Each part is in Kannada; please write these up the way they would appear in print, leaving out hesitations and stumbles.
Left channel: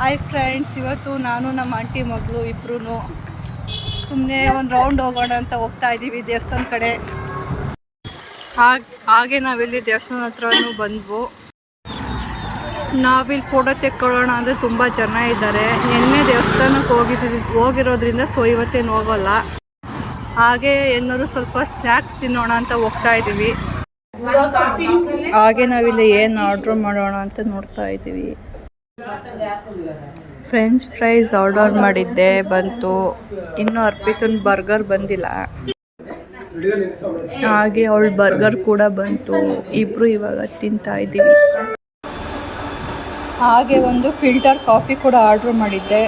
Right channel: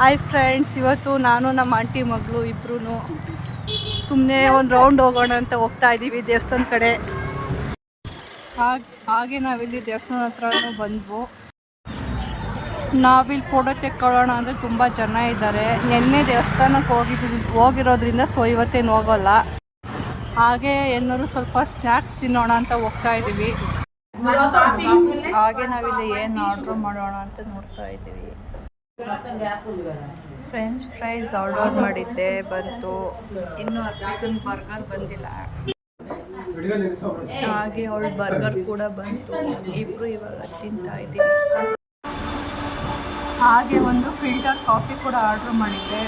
ಹಾಯ್ ಫ್ರೆಂಡ್ಸ್, ಇವತ್ತು ನಾನು ನಮ್ಮ ಆಂಟಿ ಮಗಳು ಇಬ್ಬರೂ ಸುಮ್ಮನೆ ಒಂದು ರೌಂಡ್ ಹೋಗೋಣ ಅಂತ ಹೋಗ್ತಾ ಇದ್ದೀವಿ ದೇವಸ್ಥಾನ ಕಡೆ. ಹಾಗೆ ನಾವಿಲ್ಲಿ ದೇವಸ್ಥಾನ ಹತ್ರನೂ ಬಂದ್ವು. ನಾವಿಲ್ಲಿ ಫೋಟೋ ತೆಕ್ಕೊಳ್ಳೋಣ ಅಂದರೆ ತುಂಬ ಜನ ಇದ್ದಾರೆ. ನಿನ್ನೆ ದೇವಸ್ಥಾನಕ್ಕೆ ಹೋಗಿರೋದ್ರಿಂದ ಇವತ್ತೇನು ಹೋಗೋಲ್ಲ. ಹಾಗೆ ಏನಾದ್ರು ಸ್ವಲ್ಪ ಸ್ನ್ಯಾಕ್ಸ್ ತಿನ್ನೋಣ ಅಂತ ಹೋಗ್ತಾ ಇದ್ದೀವಿ. ಹಾಗೆ ನಾವಿಲ್ಲಿ ಏನು ಆರ್ಡ್ರ್ ಮಾಡೋಣ ಅಂತ ನೋಡ್ತಾ ಇದ್ದೀವಿ. ಫ್ರೆಂಚ್ ಫ್ರೈಸ್ ಆರ್ಡರ್ ಮಾಡಿದ್ದೆ, ಬಂತು. ಇನ್ನೂ ಅರ್ಪಿತನ ಬರ್ಗರ್ ಬಂದಿಲ್ಲ. ಹಾಗೆ ಅವಳ ಬರ್ಗರ್ ಕೂಡ ಬಂತು. ಇಬ್ಬರು ಇವಾಗ ತಿಂತಾ ಇದ್ದೀವಿ. ಹಾಗೆ ಒಂದು ಫಿಲ್ಟರ್ ಕಾಫಿ ಕೂಡ ಆರ್ಡ್ರ್ ಮಾಡಿದ್ದೆ.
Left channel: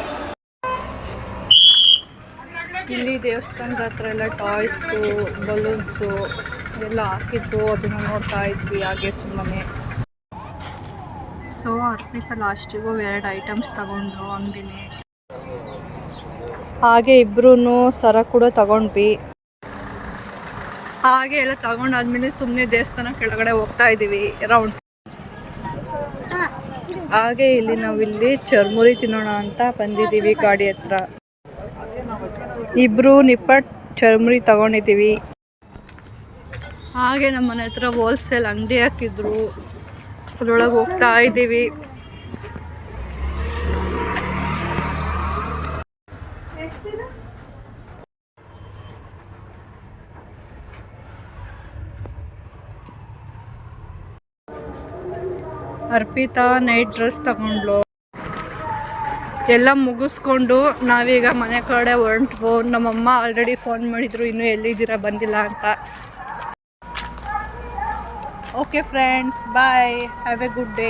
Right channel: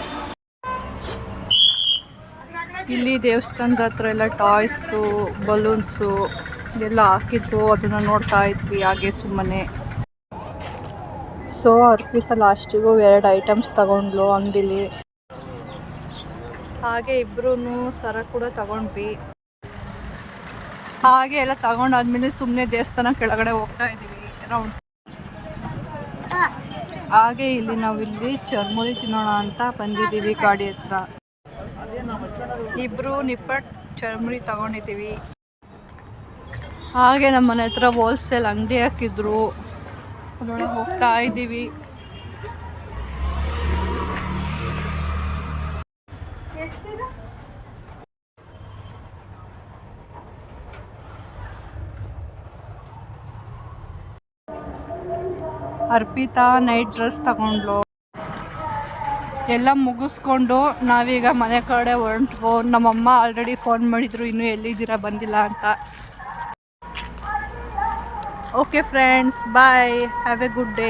ಇಲ್ಲಿ ದೇವಸ್ಥಾನದ ಹತ್ರ ಎಲ್ಲ ಟಾಯ್ಸು, ಬಲೂನ್ಸು ಎಲ್ಲ ಹಾಕಿದ್ರು. ಅದನ್ನು ನೋಡ್ತಾ ಇದ್ವಿ ಹಾಗೆ ಸುಮ್ಮನೆ. ಸೊ ಅರ್ಪಿತಾ ಲಾಸ್ಟಿಗೂ 2 ಐಟಮ್ಸ್ ತಗೊಂಡ್ಲು ಅಂಗಡಿಲಿ. ಹಾಗೆ ಇಬ್ಬರೂ ಸರ ಕೂಡ ತಗೊಂಡ್ವಿ. ಹಾಗೆ ಎಲ್ಲ ತಗೊಂಡಾದ್ಮೇಲೆ ಸುಮ್ಮನೆ ದೇವಸ್ಥಾನ ಕೆಳಗಡೆ ಹೋಗ್ತಾ ಇದ್ದೀವಿ ರೌಂಡ್ಸ್. ಹಾಗೆ ಇಲ್ಲಿ ನಾವಿಲ್ಲಿ ಚರ್ಮುರಿ ತಿನ್ನೋಣ ಅಂತ ಬಂದಿದ್ದೀವಿ ಗಾಡಿ ಹತ್ರ. ಇಬ್ಬರು ನಿಪ್ಪಟ್ಟು ಚರ್ಮುರಿ ತಗೊಂಡಿದ್ದೀವಿ. ಹಾಗೆ ನಮ್ಮ ಮನೆ ಹತ್ರ ಹೋಲ್ಸೇಲ್ ಅಂಗಡಿ ಹಾಕಿದ್ರು, ಅದರೊಳಗೆ ಹೋಗ್ತಾ ಇದ್ದೀವಿ. ಅರ್ಪಿತಾ ನೈಟ್ ಡ್ರೆಸ್ ತಗೊಂಡ್ಲು. ಎಲ್ಲ ಮುಗಿಸ್ಕೊಂಡು ನಾವೀಗ ಮನೆ ಕಡೆ ಹೊರಟ್ವು. ನಮ್ಮಮ್ಮ ಆಲ್ರೆಡಿ ಫೋನ್ ಮಾಡಿದ್ರು, ಇನ್ನೂ ಎಲ್ಲಿದ್ದೀರಾ ಬಂದಿಲ್ಲ ಅಂತ. Okay friends, bye, have a good day.